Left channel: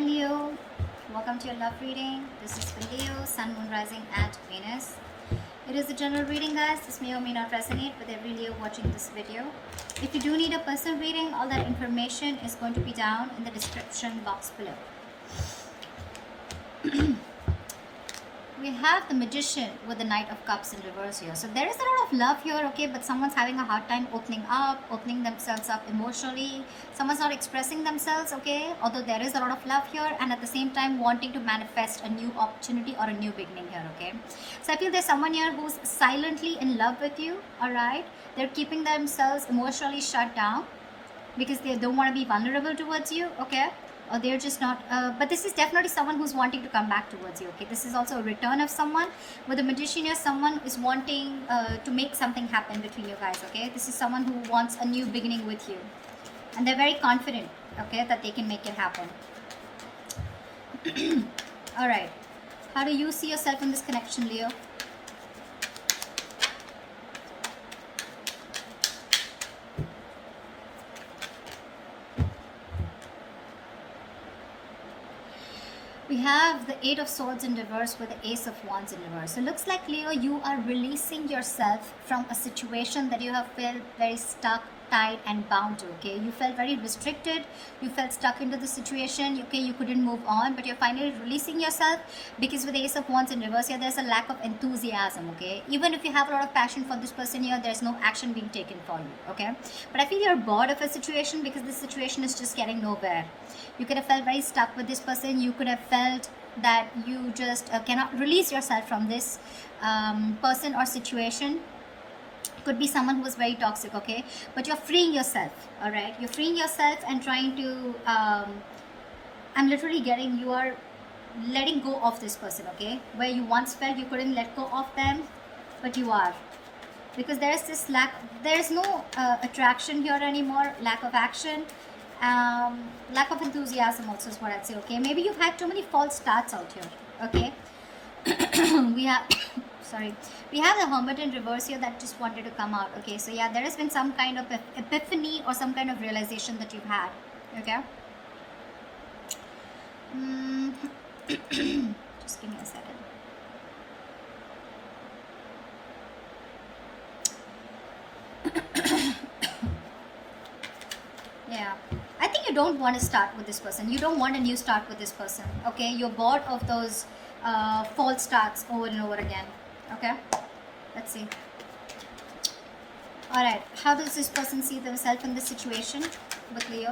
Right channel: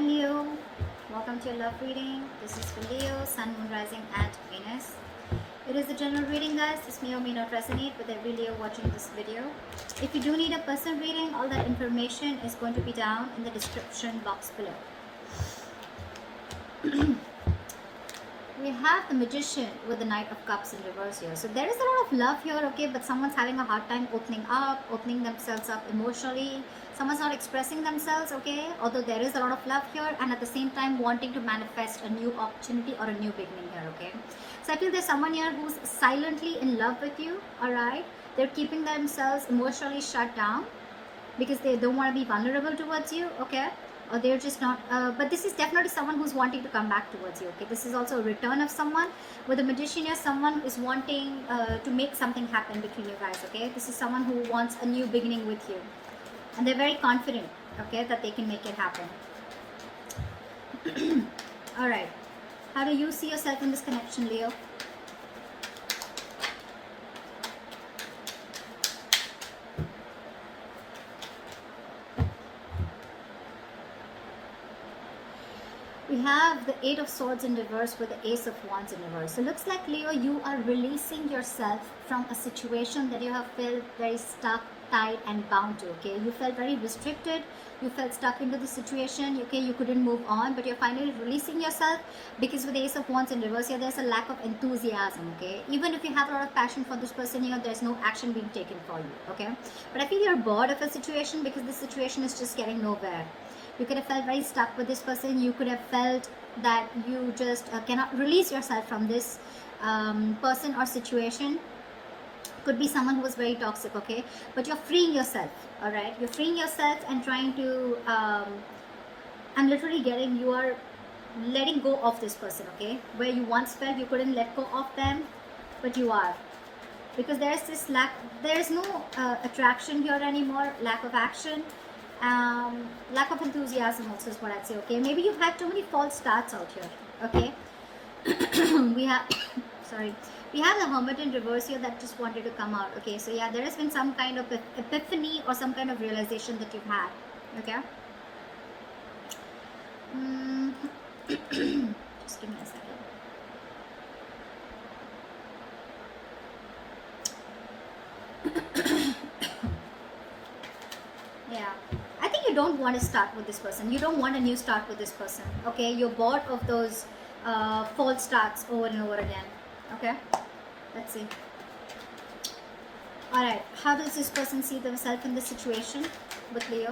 Hi Leo, welcome to your love reading. This is for Leo, Sun, Moon, Rising, and Venus. It is a general reading, guys. This may or may not resonate with every Leo watching this video. If you do need a personal reading, all that information is going to be down in the description box below. We have the Magician with the Knight of Cups in reverse here. So there is a lot of love here, okay, but someone's having a hard time opening up, opening themselves up emotionally. Someone's not expressing themselves, okay, although there is a lot of love here, and at the same time wanting to manifest a new opportunity or a new beginning here, okay. So I feel there's someone here who's silently in love with you, all right. They're keeping themselves emotionally shut down because they don't want to be vulnerable towards you, okay, or they're just not but this is definitely someone who's wanting to come back towards you, okay. This is also a return of someone. With the Magician here, someone is wanting to make something happen between you guys, okay. This is someone who wants a new beginning with you, and they're very confident, okay, that they can make it happen. All right, how do you see yourself in this connection, Leo? We have the Eight of Swords in reverse with the Ace of Wands in reverse. So it looks like, Leo, you are releasing yourself from a situation that you have felt very stuck, tied and bound to, okay. You felt very restricted, you felt stuck into the situation, okay, you couldn't move on, but you're finally releasing yourself because with the Ace of Wands in reverse here, there's a lack of enthusiasm, okay. Even if you have a lot of passion for this person here, there's no action being taken for you, okay. But I feel you're bored of a situation because the situation is just getting nowhere. You could have felt very stuck with this person. You could have felt that you just cannot release yourself from this person or situation. Could be someone who was very toxic, okay, but you're freeing yourself, all right. You're freeing yourself and trying to I'm literally getting, you are letting go of this person, okay, where you once felt you couldn't let go of them, but you are, because there's this lack, there's no attraction here anymore, lack of action, lack of enthusiasm also is what I'd say, okay. Maybe you've had too many false starts out here, okay. We have sorry, we have the Hermit in reverse here that just wanted to come out, okay. So yeah, there has been some kind of epiphany or some kind of realization that you've had, okay. Just give me a second. Yeah, I think you don't want to start with this person. You don't want a new start with this person, okay. You're bored of those false starts over and over again, okay. Let's see. All right, how does this person see themselves in this situation with Leo?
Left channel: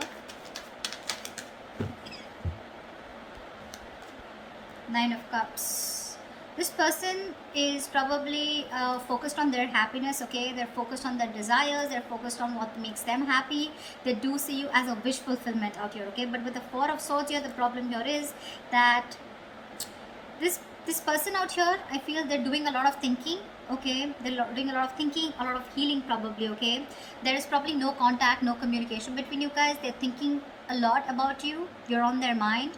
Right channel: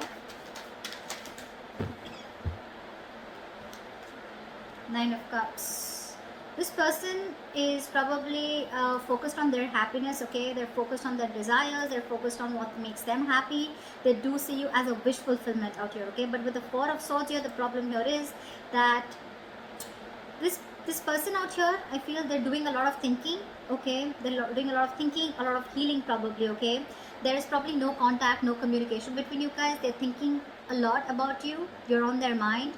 Nine of Cups. This person is probably focused on their happiness, okay. They're focused on their desires, they're focused on what makes them happy. They do see you as a wish fulfillment out here, okay. But with the Four of Swords here, the problem here is that this person out here, I feel they're doing a lot of thinking, okay. They're doing a lot of thinking, a lot of healing probably, okay. There is probably no contact, no communication between you guys. They're thinking a lot about you, you're on their mind,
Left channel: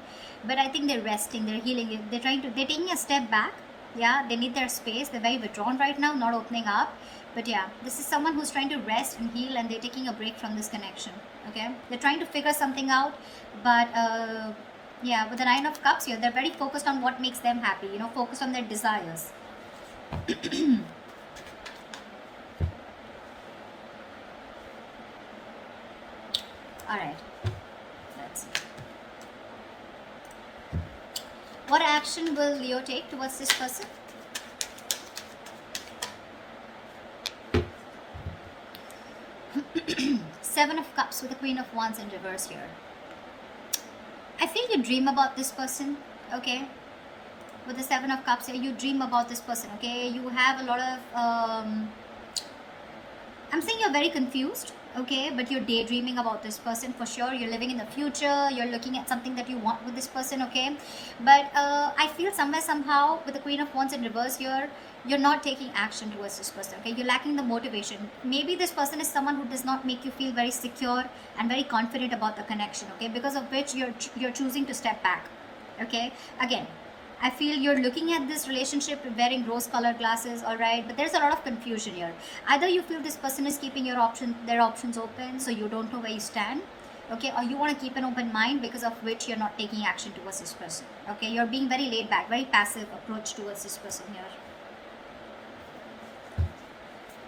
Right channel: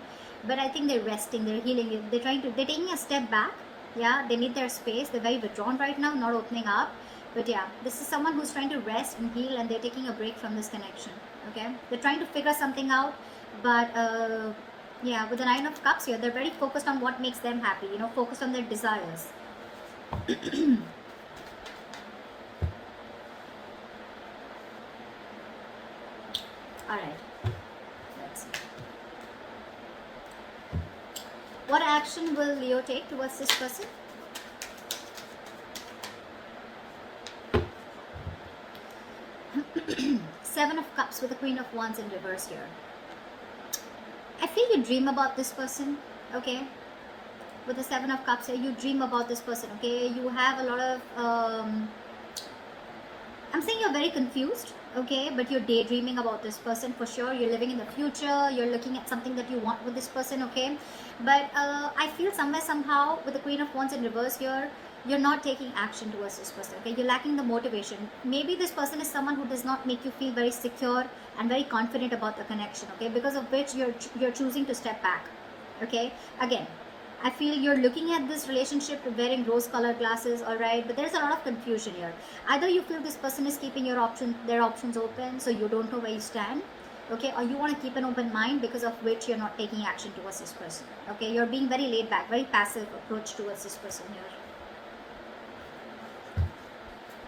but I think they're resting, they're healing, they're taking a step back. Yeah, they need their space, they're very withdrawn right now, not opening up. But yeah, this is someone who's trying to rest and heal, and they're taking a break from this connection, okay. They're trying to figure something out, but yeah, with the Nine of Cups here, they're very focused on what makes them happy, you know, focused on their desires. All right, let's see. What action will Leo take towards this person? Seven of Cups with the Queen of Wands in reverse here. I feel you dream about this person, okay. With the Seven of Cups here, you dream about this person, okay. You have a lot of I'm saying you're very confused, okay, but you're daydreaming about this person for sure. You're living in the future, you're looking at something that you want with this person, okay. But I feel somewhere, somehow, with the Queen of Wands in reverse here, you're not taking action towards this person, okay. You're lacking the motivation. Maybe this person is someone who does not make you feel very secure and very confident about the connection, okay, because of which you're choosing to step back, okay. Again, I feel you're looking at this relationship wearing rose-colored glasses, all right, but there's a lot of confusion here. Either you feel this person is keeping their options open, so you don't know where you stand, okay, or you want to keep an open mind, because of which you're not taking action towards this person. Okay, you're being very laid back, very passive approach towards this person here.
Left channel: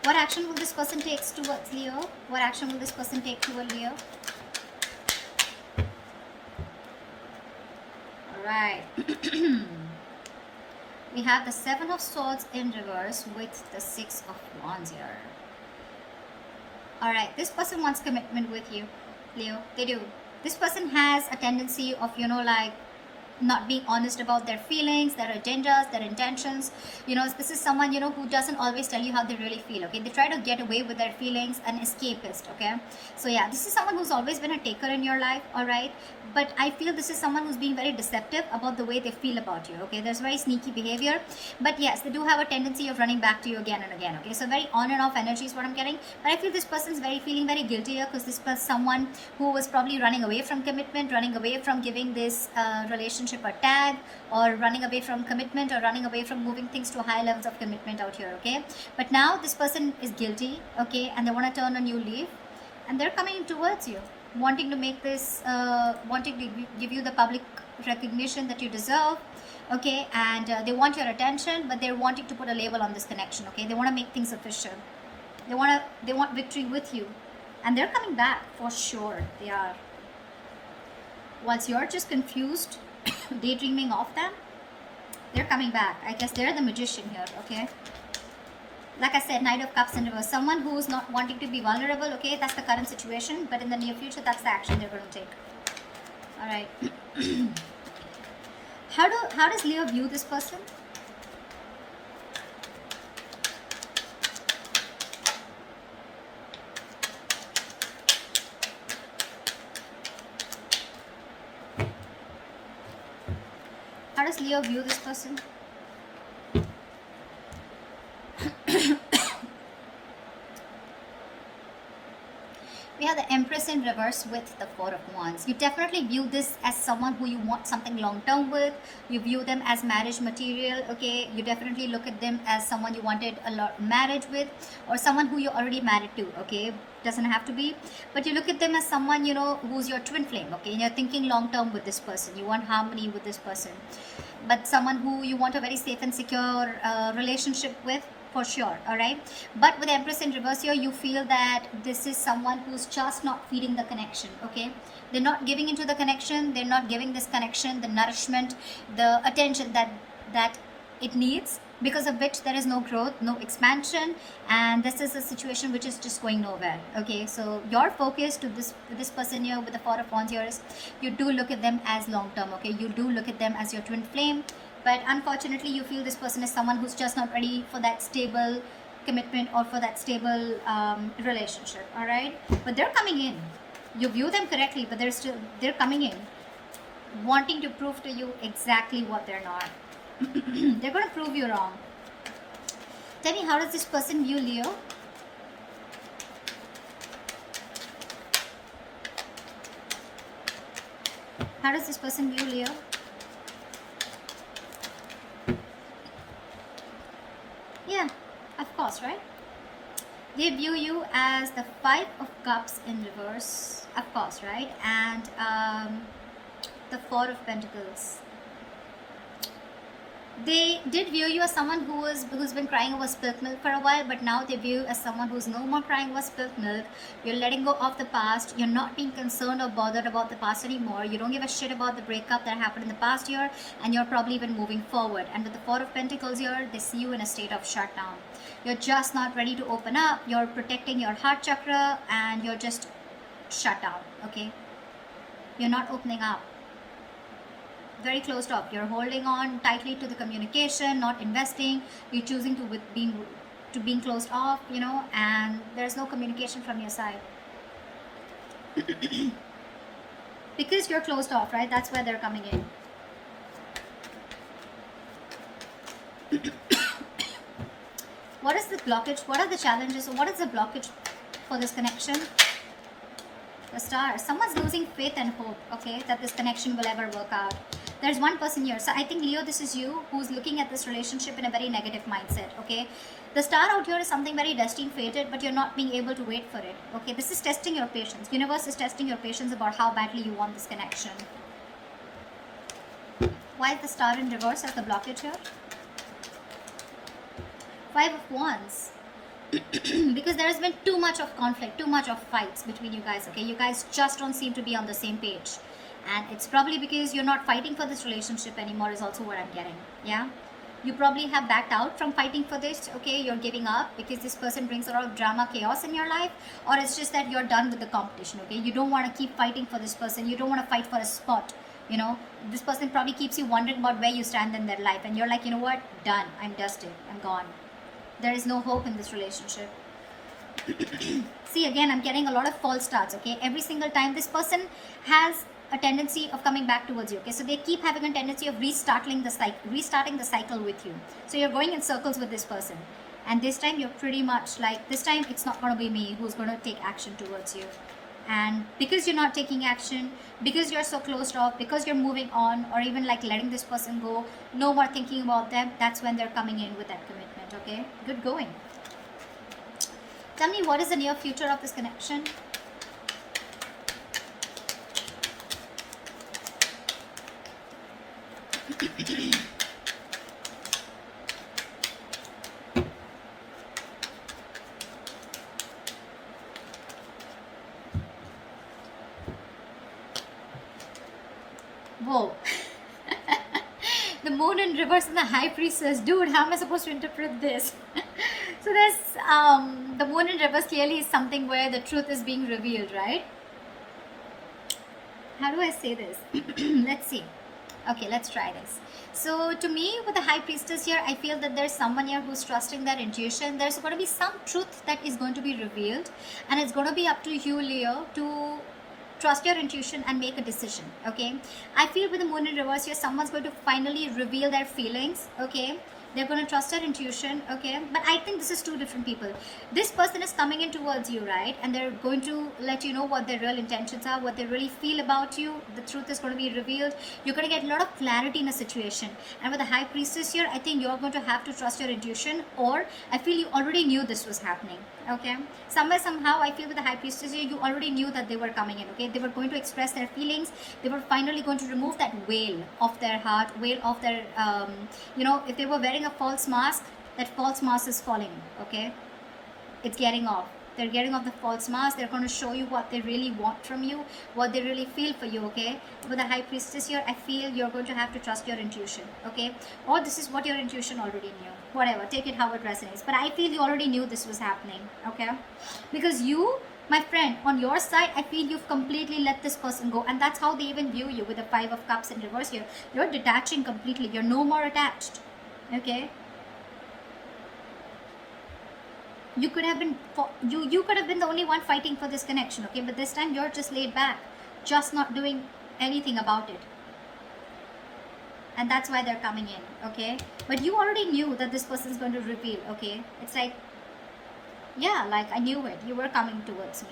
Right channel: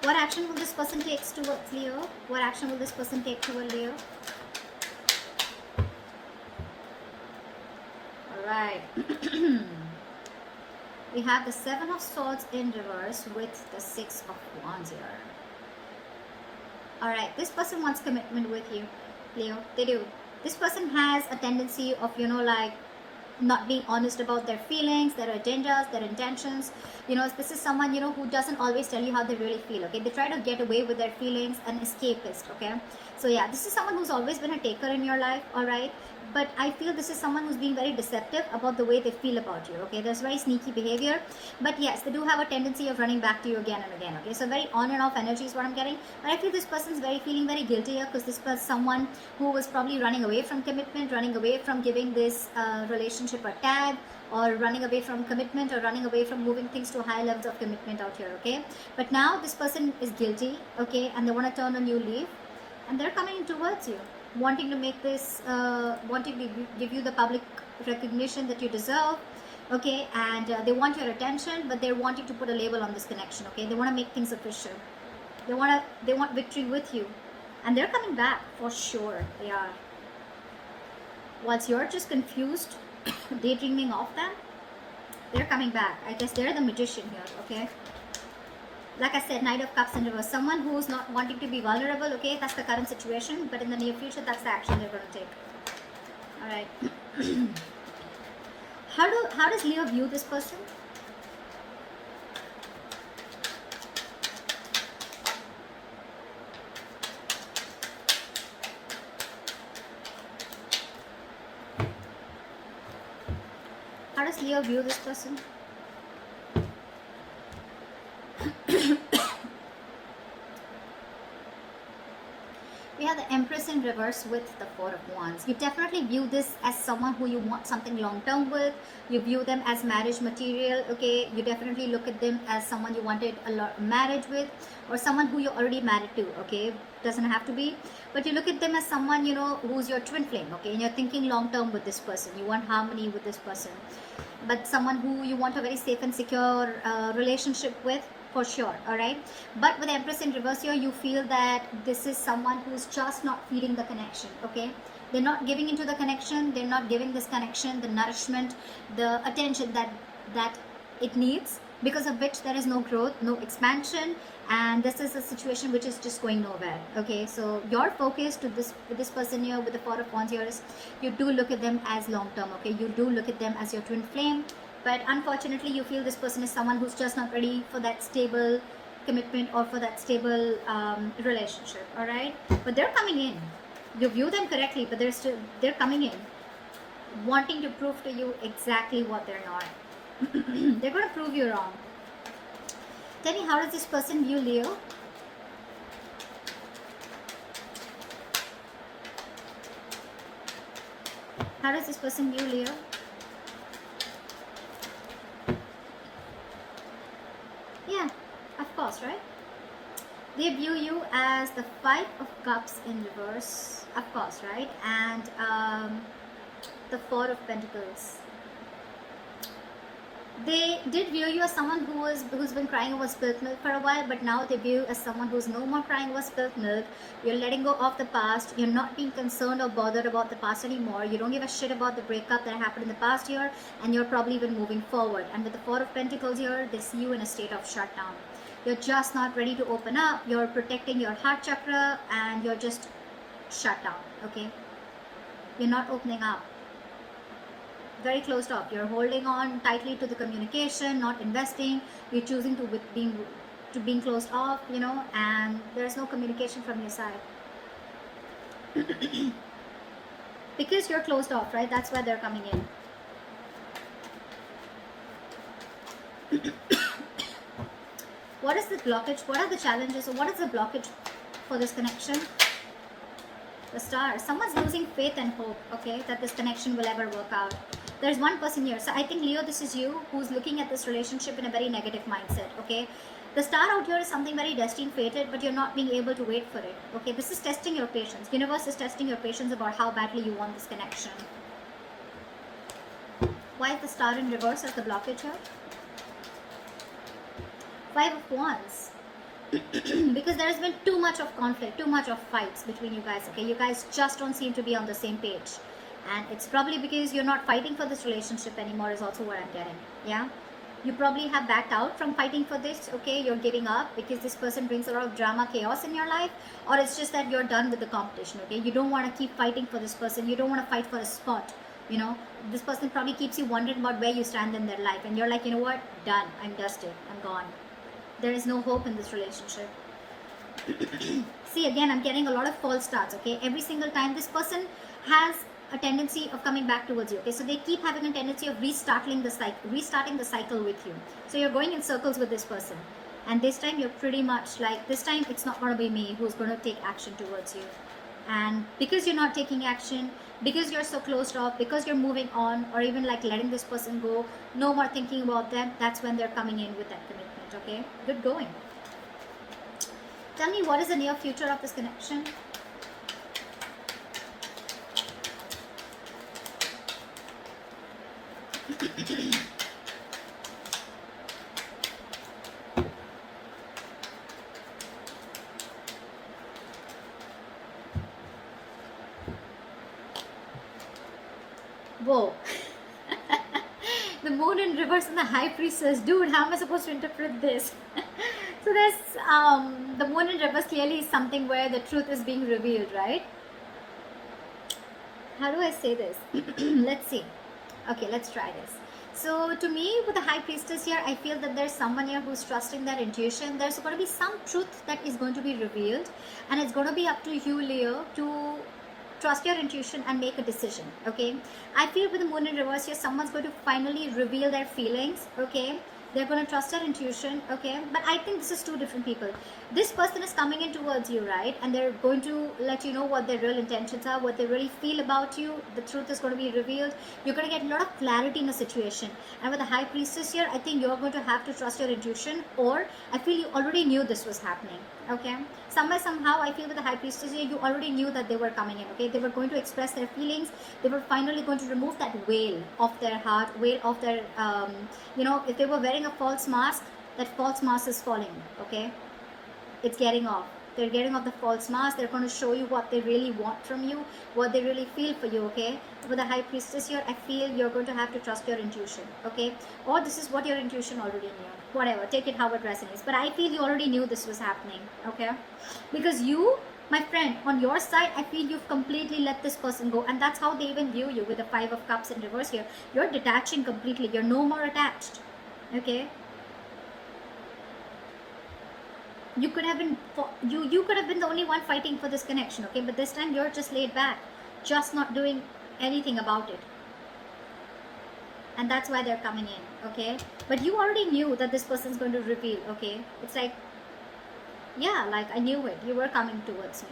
What action will this person take towards Leo? What action will this person take toward Leo? Alright. We have the Seven of Swords in reverse with the Six of Wands here. Alright, this person wants commitment with you, Leo. They do. This person has a tendency of, like, not being honest about their feelings, their agendas, their intentions. This is someone, who doesn't always tell you how they really feel, okay? They try to get away with their feelings, an escapist, okay? So yeah, this is someone who's always been a taker in your life, all right? But I feel this is someone who's being very deceptive about the way they feel about you, okay? There's very sneaky behavior, but yes, they do have a tendency of running back to you again and again, okay? So very on and off energy is what I'm getting, but I feel this person's feeling very guilty here, because this was someone who was probably running away from commitment, running away from giving this relationship a tag, or running away from commitment, or running away from moving things to high levels of commitment out here, okay? But now this person is guilty, okay, and they want to turn a new leaf, and they're coming towards you, wanting to make this, wanting to give you the public recognition that you deserve, okay, and they want your attention, but they're wanting to put a label on this connection, okay? They want to make things official. They want victory with you, and they're coming back for sure. They are. Once you're just confused, daydreaming of them, they're coming back. I guess they're the magician here, okay? Like I said, Knight of Cups in reverse. Someone who's not wanting to be vulnerable, okay? That's the current situation. But in the near future, that's the action they're going to take. Alright. How does Leo view this person? How does Leo view this person? We have the Empress in reverse with the Four of Wands. You definitely view this as someone who you want something long-term with. You view them as marriage material, okay? You definitely look at them as someone you wanted a lot marriage with, or someone who you're already married to, okay? Doesn't have to be, but you look at them as someone, who's your twin flame, okay? And you're thinking long-term with this person. You want harmony with this person, but someone who you want a very safe and secure relationship with, for sure. All right, but with Empress in reverse here, you feel that this is someone who's just not feeling the connection, okay? They're not giving into the connection. They're not giving this connection the nourishment, the attention that it needs, because of which there is no growth, no expansion, and this is a situation which is just going nowhere, okay? So your focus to with this person here with the Four of Wands here is, you do look at them as long term, okay? You do look at them as your twin flame, but unfortunately you feel this person is someone who's just not ready for that stable commitment or for that stable relationship. All right, but they're coming in. You view them correctly, but they're coming in wanting to prove to you exactly what they're not. They're going to prove you wrong. Tell me, how does this person view Leo? How does this person view Leo? Yeah, of course, right? They view you as the Five of Cups in reverse, of course, right? And the Four of Pentacles. They did view you as someone who's been crying over spilt milk for a while, but now they view you as someone who's no more crying over spilt milk. You're letting go of the past. You're not being concerned or bothered about the past anymore. You don't give a shit about the breakup that happened in the past year, and you're probably even moving forward. And with the Four of Pentacles here, they see you in a state of shutdown. You're just not ready to open up. You're protecting your heart chakra, and you're just shut down, okay? You're not opening up. Very closed off. You're holding on tightly to the communication, not investing. You're choosing to being closed off, and there's no communication from your side. Because you're closed off, right? That's why they're coming in. What is the blockage? What are the challenges? So what is the blockage for this connection? The Star. Someone's losing faith and hope, okay, that this connection will ever work out. There's one person here. So I think, Leo, this is you who's looking at this relationship in a very negative mindset, okay? The star out here is something very destined, fated, but you're not being able to wait for it, okay? This is testing your patience. Universe is testing your patience about how badly you want this connection. Why is the star in reverse as the blockage here? 5 of Wands. Because there has been too much of conflict, too much of fights between you guys, okay? You guys just don't seem to be on the same page. And it's probably because you're not fighting for this relationship anymore is also what I'm getting, yeah? You probably have backed out from fighting for this, okay? You're giving up because this person brings a lot of drama, chaos in your life, or it's just that you're done with the competition, okay? You don't want to keep fighting for this person. You don't want to fight for a spot, you know? This person probably keeps you wondering about where you stand in their life, and you're like, you know what? Done. I'm dusted. I'm gone. There is no hope in this relationship. See, again, I'm getting a lot of false starts, okay? Every single time this person has a tendency of coming back towards you, okay? So they keep having a tendency of restarting the cycle with you. So you're going in circles with this person. And this time you're pretty much like, this time it's not going to be me who's going to take action towards you. And because you're not taking action, because you're so closed off, because you're moving on, or even like letting this person go, no more thinking about them, that's when they're coming in with that commitment. Okay, good going. Tell me, what is the near future of this connection? Whoa. The moon in reverse and the high priestess. Dude, how am I supposed to interpret this? So this, the moon in reverse clearly is something where the truth is being revealed, right? How do I say this? Let's see. Okay, let's try this. So to me, with the high priestess here, I feel that there's someone here who's trusting their intuition. There's going to be some truth that is going to be revealed, and it's going to be up to you, Leo, to trust your intuition and make a decision, okay? I feel with the moon in reverse here, someone's going to finally reveal their feelings, okay? They're going to trust their intuition, okay? But I think this is two different people. This person is coming in towards you, right? And they're going to let you know what their real intentions are, what they really feel about you. The truth is going to be revealed. You're going to get a lot of clarity in a situation. And with the high priestess here, I think you're going to have to trust your intuition, or I feel you already knew this was happening, okay? Somehow, I feel with the high priestess here, you already knew that they were coming in, okay? They were going to express their feelings. They were finally going to remove that veil of their heart, veil of their, you know, if they were wearing a false mask, that false mask is falling, okay? It's getting off. They're getting off the false mask. They're going to show you what they really want from you, what they really feel for you, okay? With the high priestess here, I feel you're going to have to trust your intuition, okay? Or this is what your intuition already knew. Whatever, take it how it resonates. But I feel you already knew this was happening, okay? Because you, my friend, on your side, I feel you've completely let this person go. And that's how they even view you with the 5 of Cups in reverse here. You're detaching completely. You're no more attached, okay? You could have been you could have been the only one fighting for this connection, okay? But this time you're just laid back, just not doing anything about it. And that's why they're coming in, okay? But you already knew that this person's going to reveal, okay? It's like, yeah, like I knew it. You were coming towards me.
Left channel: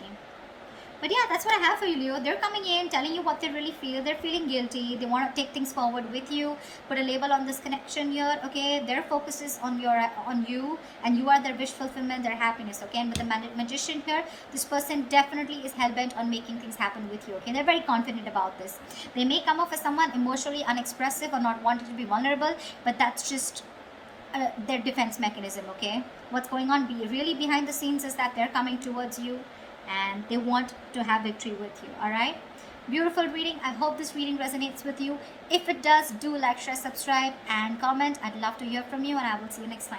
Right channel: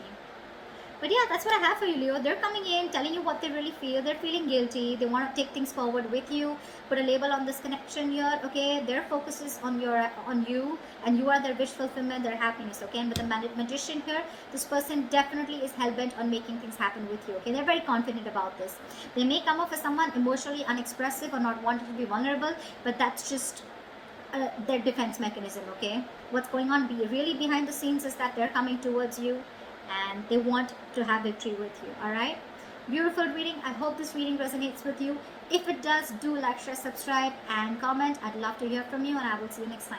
But yeah, that's what I have for you, Leo. They're coming in, telling you what they really feel. They're feeling guilty. They want to take things forward with you. Put a label on this connection here, okay? Their focus is on you, and you are their wish fulfillment, their happiness, okay? And with the magician here, this person definitely is hell-bent on making things happen with you, okay? They're very confident about this. They may come off as someone emotionally unexpressive or not wanting to be vulnerable, but that's just their defense mechanism, okay? What's going on really behind the scenes is that they're coming towards you, and they want to have victory with you. All right, beautiful reading. I hope this reading resonates with you. If it does, do like, share, subscribe, and comment. I'd love to hear from you, and I will see you next time.